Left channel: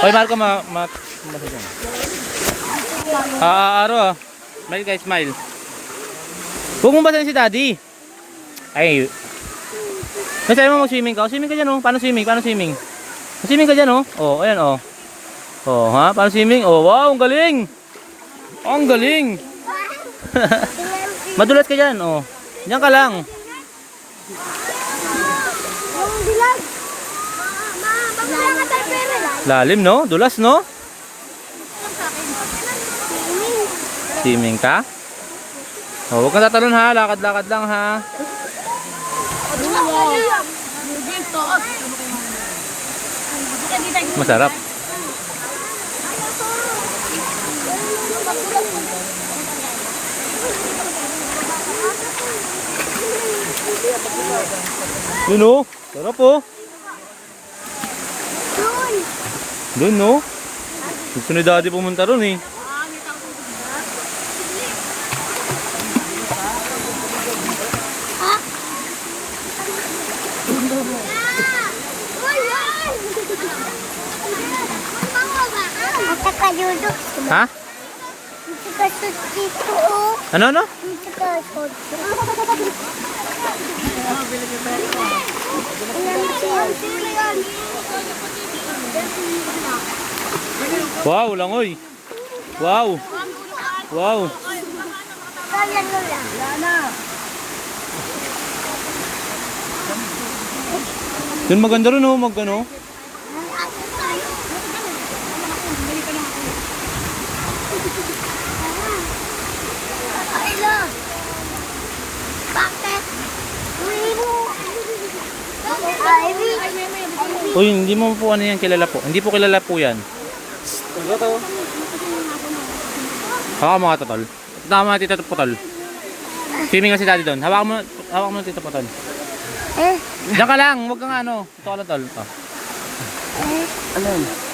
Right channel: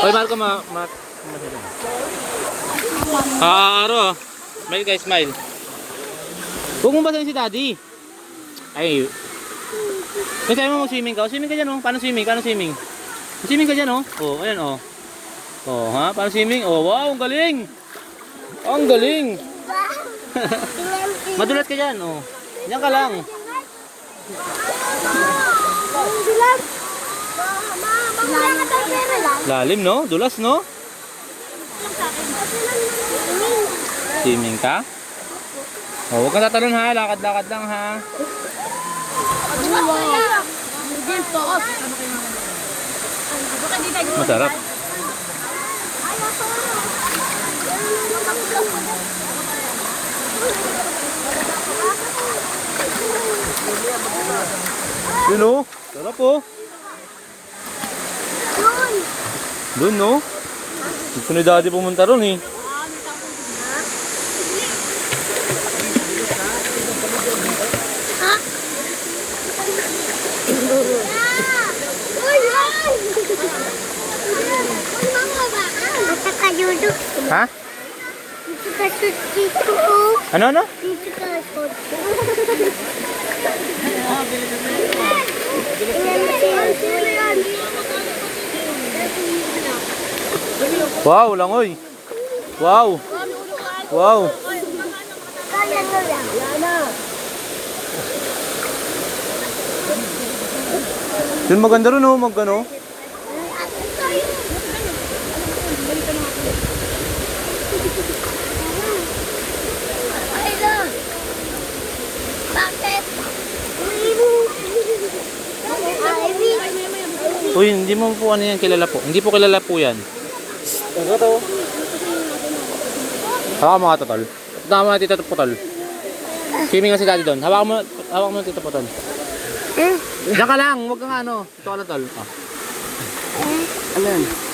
Hoy, Marco, Aro. May guys, smile. Huwag mong basahin si Daddy. Ay. Nasabi mo mag-swimming ka? Swimming ka dyan, oh. Paano swimming? Swimming ka dyan, oh. Oh, ayan, oh. Oh, ha? Paano swimming? Oh, wow, ang galing. Ang galing. Madulas ka dyan, oh. Yan ka lang. Lalim, no? Dulas, no? Swimming ka? Oh, huwag kang tatalon, ha? Lakad-lakad lang, ha? Masarap. Yun, oh. Sarap, oh. Doon, no? Gusto ni Daddy pumunta ron, eh. Ha? Ano? Wow, langoy. Wow. Yun maganda rin, oh, magano. Uy, hindi mo po ano yan kilala po. Hindi po kilala po yan. Ano to? Hawakan mo nga, Totol. Hawakan mo nga, Tito Putol. Swimming nga si Daddy doon. Hawakan mo nga, Tito Putol. Diyan ka lang, huwag kang ano. Ito ka lang, Tol. Ano yan?